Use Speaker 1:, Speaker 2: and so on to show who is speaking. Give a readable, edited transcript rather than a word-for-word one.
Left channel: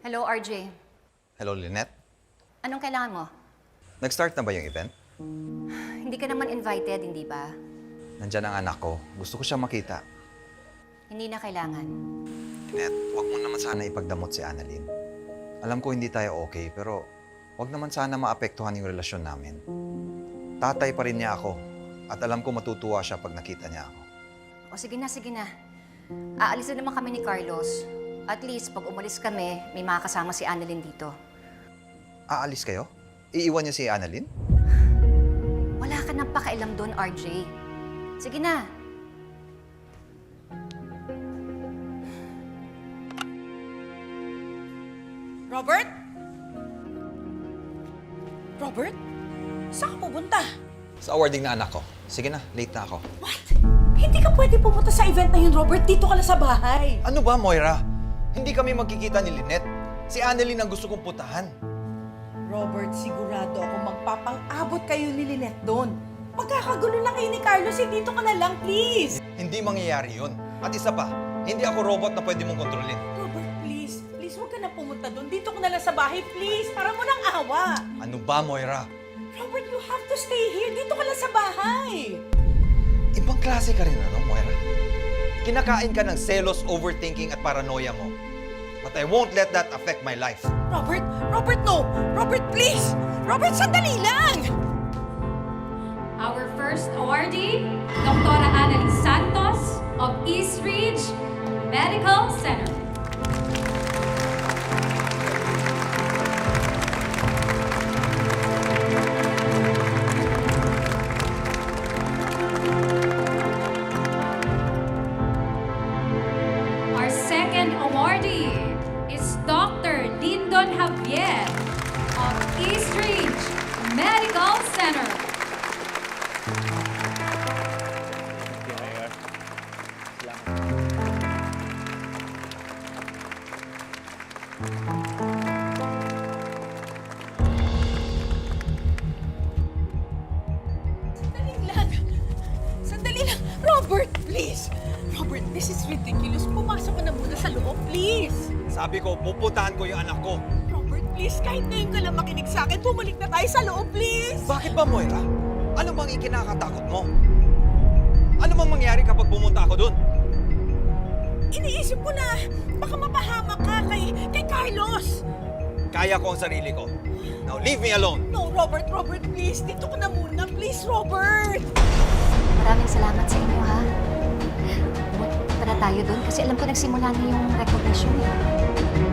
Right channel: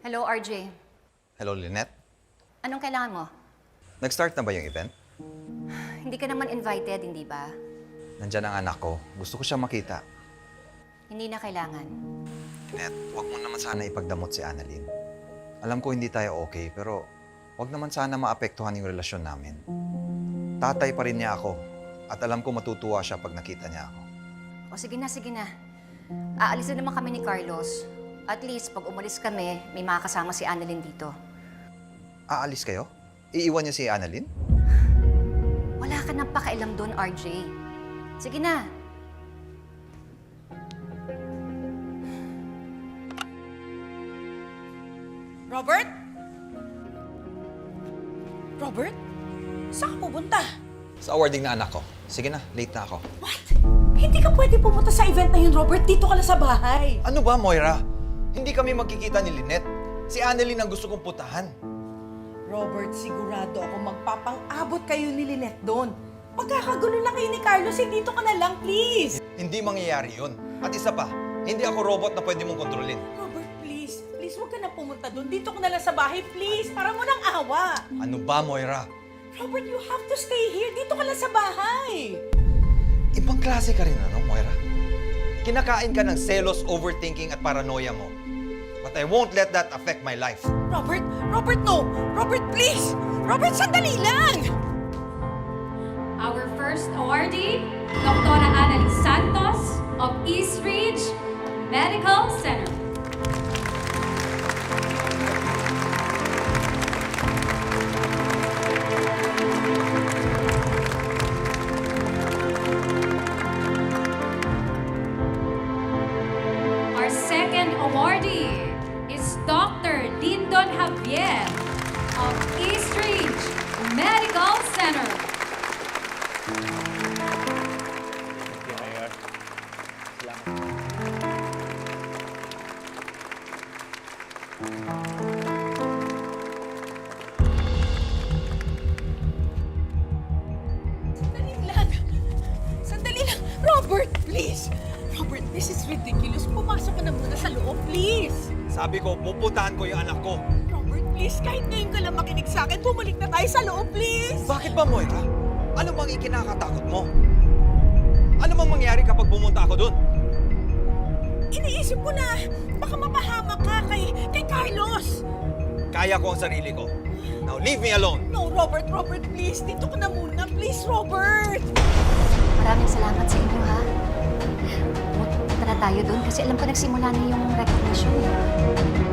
Speaker 1: Hello, RJ.
Speaker 2: Hello, Lynette.
Speaker 1: Anong kailangan mo?
Speaker 2: Nag-start na ba yung event?
Speaker 1: Hindi ka naman invited, hindi ba?
Speaker 2: Nandyan ang anak ko. Gusto ko siya makita.
Speaker 1: Hindi na kailangan.
Speaker 2: Lynette, huwag mo naman sana ipagdamot si Annalyn. Alam ko hindi tayo okay, pero huwag naman sana maapektuhan yung relasyon namin. Tatay pa rin niya ako. At alam ko matutuwa siya pag nakita niya ako.
Speaker 1: O sige na, sige na. Aalis na naman kami ni Carlos. At least, pag umalis kami, may makakasama si Annalyn dito.
Speaker 2: Aalis kayo? Iiwan niyo si Annalyn?
Speaker 1: Wala ka nang pakialam doon, RJ. Sige na.
Speaker 3: Robert? Robert? Saan ka pupunta?
Speaker 2: Sa awarding na anak ko. Sige na, late na ako.
Speaker 3: What? Hindi ka pwede pumunta sa event na yun, Robert. Dito ka lang sa bahay.
Speaker 2: Ano ba, Moira? Hindi kami magkikita ni Lynette. Si Annalyn ang gusto kong putahan.
Speaker 3: Robert, sigurado ako magpapang-abot kayo ni Lynette doon. Magkakagulo lang kayo ni Carlos, dito ka na lang, please.
Speaker 2: Hindi mangyayari yun. At isa pa, hindi ako robot na pwede mong kontrolin.
Speaker 3: Robert, please. Please, huwag ka na pumunta doon. Dito ka na lang sa bahay, please. Para mo nang awa.
Speaker 2: Ano ba, Moira?
Speaker 3: Robert, you have to stay here. Dito ka lang sa bahay.
Speaker 2: Ibang klase ka rin, ano, Moira? Kinakain ka ng selos, overthinking at paranoia mo. But I won't let that affect my life.
Speaker 3: Robert! Robert, no! Robert, please! Robert, sandali lang!
Speaker 4: Our first awardee, Dr. Annalyn Santos of East Ridge Medical Center. Our second awardee is Dr. Lyndon Javier of East Ridge Medical Center.
Speaker 3: Sandali lang! Sandali lang! Robert, please! Robert, this is ridiculous. Pumasok ka na muna sa loob, please!
Speaker 2: Sabi ko, puputahan ko yung anak ko.
Speaker 3: Robert, please, kahit ngayon ka lang makinig sa akin, bumalik na tayo sa loob, please!
Speaker 2: Bakit ba, Moira? Ano bang ikinakatakot mo? Ano bang mangyari kapag pumunta ako dun?
Speaker 3: Iniisip ko na, baka mapahamak ka kay Carlos!
Speaker 2: Kaya ko ang sarili ko. Now leave me alone.
Speaker 3: No, Robert, Robert, please! Dito ka na muna, please, Robert!
Speaker 1: Maraming salamat sa inyo, ha? Tara tayo doon kasi alam ko nagsimula na yung recognition, eh.